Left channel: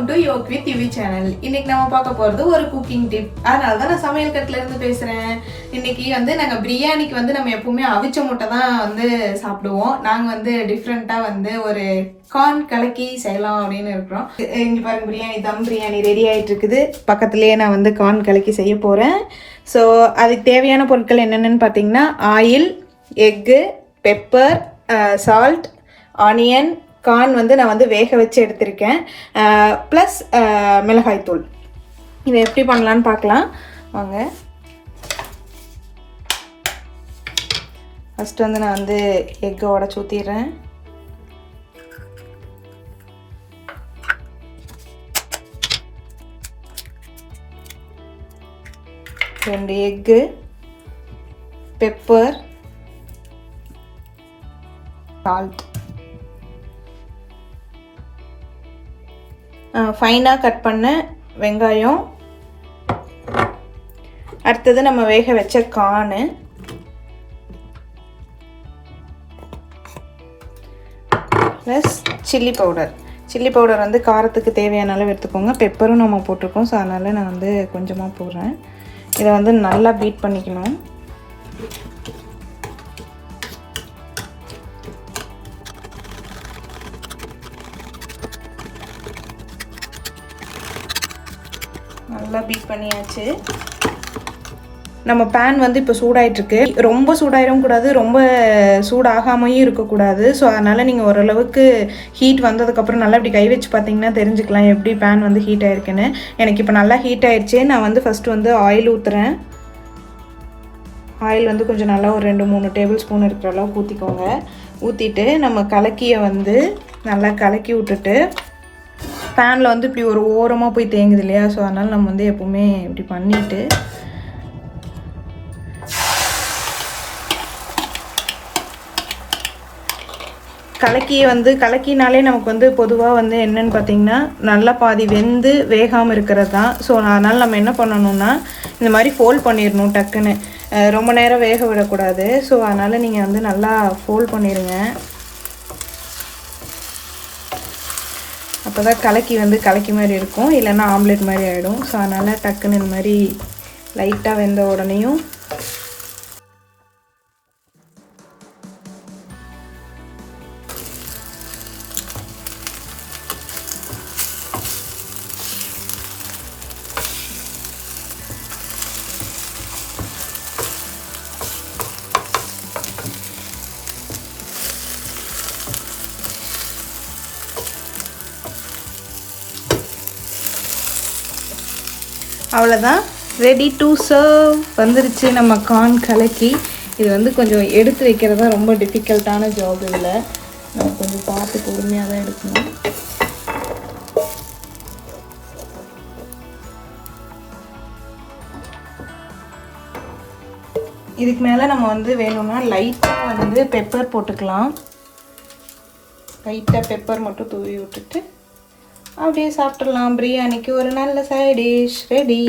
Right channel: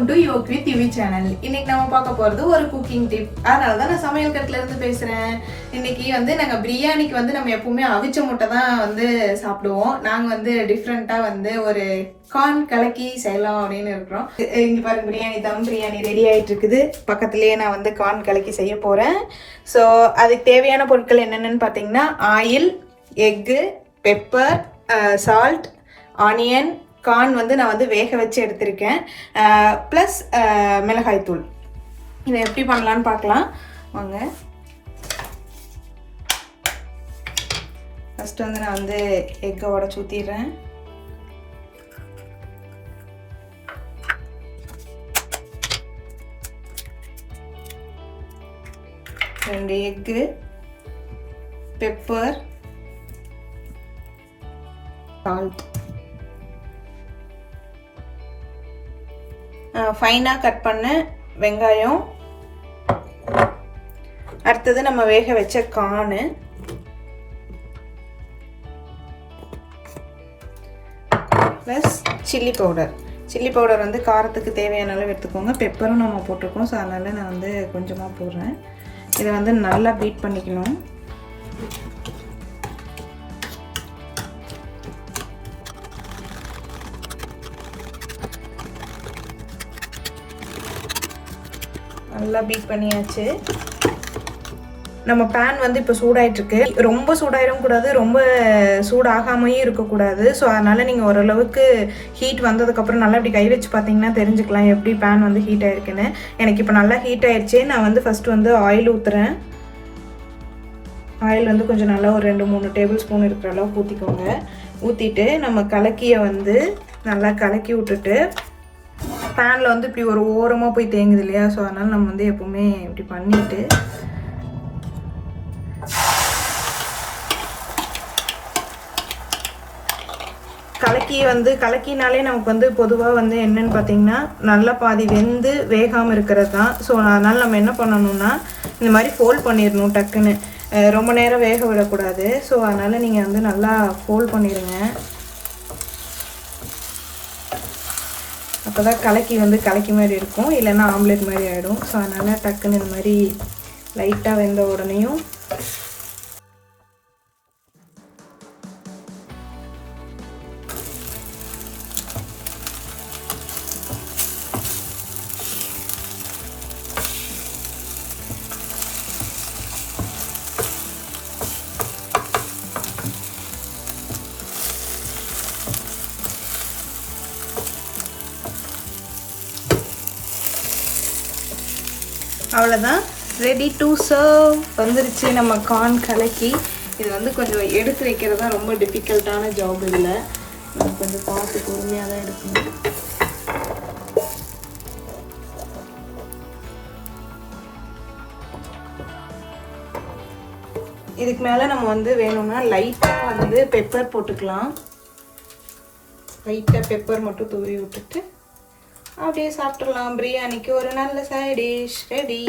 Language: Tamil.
Welcome to Yog with Yuvi channel. இன்னைக்கு நம்ம பார்க்க போகிறது ஒரு குக்கிங் டிப். அதனால தான் நான் சமையல் கட்டில் இருந்து பேசுகிறேன். இன்னைக்கு நாங்கள் பிரியாணிக்கு நம்ம எப்பவுமே அவிச்ச முட்டை தான் சாப்பிடுவோம். நாங்கள் டிஃப்ரெண்ட்டாக ஒரு கார்ன் கலக்கி செய்யலாம் அப்படின்னு இருக்கிறோம். இங்கே பாருங்க, பிரியாணி தம் பிரியாணி ரெடி ஆகிட்டு இருக்குது. பக்கத்துலேயே நான் கார்ன் கலக்கி செய்ய போகிறேன். ஸோ அதுக்கு தேவையான பொருட்கள் என்னென்னு பார்த்தீங்கன்னா, oil, egg, pepper, salt, onion, corn நான் வேக வச்சு எடுத்திருக்கேன், ப்ளஸ் மிளகாய்த்தூள். இதை எப்படி பண்ணலான்னு பார்க்கலாம் வாங்க. ஃபஸ்ட்டு நான் எக்கை உடச்சி ஊற்றிடுறேன். ரெண்டு எக்கு, பெப்பர், சால்ட், ஃபைனாக கட் பண்ண வெங்காயம், அடுத்தது நம்ம வேக வச்ச corn, plus chilli powder. Chilli powder காரத்துக்கு தேவையான அளவு எடுத்துக்கோங்க. பெப்பரும் நம்ம போட்டிருக்கோம், ஸோ அதனால் நான் கொஞ்சமாக போடுறேன். இதை நல்லா பீட் பண்ணிக்கணும். நல்லா பீட் பண்ணியாச்சு. நம்ம பேன் இப்போ சூடாயிட்டிருக்கு. ரொம்ப சூடாயிரும் கூடாது, ரொம்ப சூடாகாமையும் இருக்கக்கூடாது. ஸோ அதனால் நீங்கள் ஓரளவுக்கு ஹீட் வந்ததுக்கப்புறம் நல்லா இப்படி கை வச்சு பார்த்தீங்கன்னா தெரிஞ்சுக்கலாம் எப்படி பேன் ஹீட் ஆகிருக்குன்னு. எனக்கு இப்போ நல்லா ஹீட் ஆகிடுச்சு. நான் ஃபஸ்ட்டு ஆயில் ஊற்றுறேன். ஆயில் கொஞ்சம் நல்லா ஒரு 2-3 டேபிள் ஸ்பூன் இருக்கிற அளவுக்கு ஊற்றிக்கோங்க. ஊற்றிட்டு நம்ம கலக்கியை நல்லா கலக்கி விட்டுட்டு, பேனில் இப்படி ஒரு ஓரமாக போய் தேங்குது இல்லையா, ஸோ அதனால் நம்ம எப்போவுமே இப்படி பண்ணிவிட்டு கலக்கினாலே நமக்கு பொதுவாக என்னென்னு பார்த்தீங்கன்னா நல்லா பாதி வெந்து வேகாமல் இருக்கிறது தான். ஸோ அதனால் நம்ம என்ன பண்ணணும்னா இந்த மாதிரி ஃபோல்ட் பண்ணிடணும் டக்குன்னு. ரொம்ப நேரம் வேக விடக்கூடாது. ஸோ அதனால் நீங்கள் நல்லா ஃபோல்ட் பண்ணிடுங்க. அப்போ தான் கலக்கி மாதிரி இருக்கும், இல்லைன்னா ஆம்லேட் மாதிரி ஆகிடும். ஸோ அதனால் டக்குன்னு இந்த மாதிரி லைட்டாக வெந்த உடனேயும் அவ்வளோதான், ரெடி டு சர்வ் வந்துருச்சு நம்ம கார்ன் கலக்கி. இது கொஞ்சம் எடுத்து வைக்கிறதா ரொம்ப டிஃபிகல்ட்டான ஜாப். இல்லை, நம்ம கொஞ்சம் பார்த்து பொறுமையாக தான் எடுக்கணும். இதுக்கு மேலே நம்ம வேணும்னா லைட்டாக பெப்பர் போட்டுக்கலாம். லைட்டாக பெப்பர் மட்டும் தூவி விட்டுட்டு அப்படியே சாப்பிட்றலாம். பிரியாணிக்கு ஒரு நல்ல சைட் டிஷ் ரெடி.